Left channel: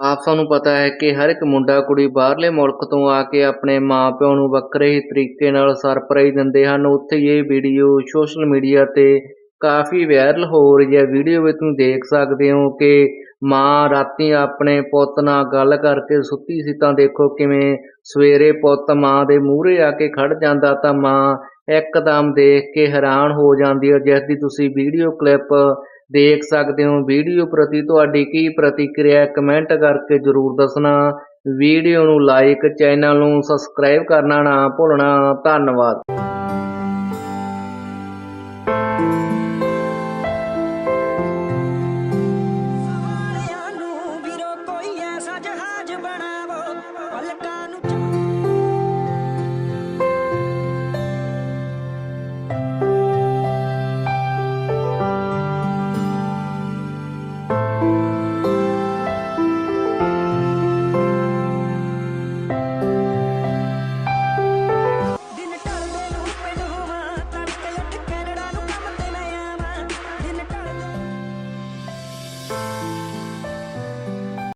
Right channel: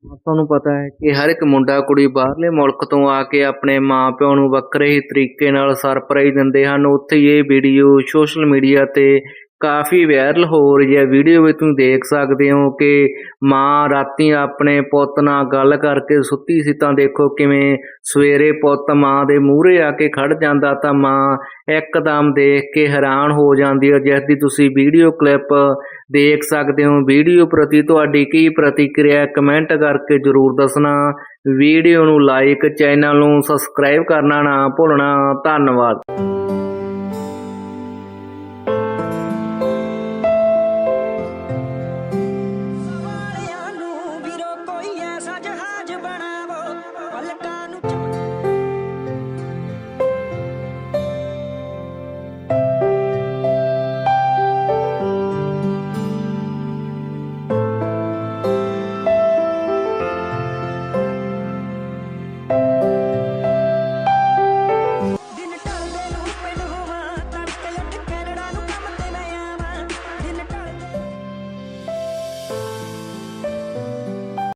ਆਪ ਸਾਨੂੰ ਪਤਾ ਹੈ ਕਿ ਹਰ ਇੱਕ ਮੁੰਡਾ ਕੁੜੀ ਬਾਹਰਲੇ ਮੁਲਕ ਤੋਂ ਆ ਕੇ ਆਪਣੇ ਮਾਪਿਆਂ ਨੂੰ ਵੱਖਰੇ ਹੀ ਤਰੀਕੇ ਨਾਲ ਸਰਪ੍ਰਾਈਜ਼ ਦਿੰਦੇ ਹਨ। ਉੱਥੇ ਇਹ ਵੀਡੀਓ ਸੋਸ਼ਲ ਮੀਡੀਆ ਤੇ ਕਾਫੀ ਵਾਇਰਲ ਹੋ ਰਹੀ ਹੈ। ਵੀਡੀਓ ਵਿੱਚ ਤੁਸੀਂ ਦੇਖ ਸਕਦੇ ਹੋ ਕਿ ਮਾਂ ਰਾਤੀ ਆਪਣੇ ਪੁੱਤ ਨਾਲ ਗੱਲ ਕਰਕੇ ਸੁੱਤੀ ਸੀ ਤਾਂ ਦੇਖੋ ਕਿਵੇਂ ਸਵੇਰੇ ਪੁੱਤ ਮਾਂ ਦੇ ਮੂਹਰੇ ਆ ਕੇ ਖੜ ਜਾਂਦਾ ਤਾਂ ਮਾਂ ਇੱਕਦਮ ਦੇਖ ਕੇ ਹੈਰਾਨ ਹੋ ਜਾਂਦੀ ਹੈ ਜਿਸ ਦੀ ਤੁਸੀਂ ਵੀਡੀਓ ਕਲਿੱਪ ਦੇਖ ਸਕਦੇ ਹੋ। ਵੀਡੀਓ ਪ੍ਰਤੀ ਤੁਹਾਡੀ ਕੀ ਪ੍ਰਤੀਕਿਰਿਆ ਕਮੈਂਟ ਕਰਕੇ ਜਰੂਰ ਦੱਸਣਾ। ਵੀਡੀਓ ਨੂੰ ਲਾਈਕ ਚੈਨਲ ਨੂੰ ਸਬਸਕ੍ਰਾਈਬ ਕਰਨਾ ਨਾ ਭੁੱਲਣਾ। ਧੰਨਵਾਦ। ਜਹਾਜ਼ ਬਣਾਵੋ।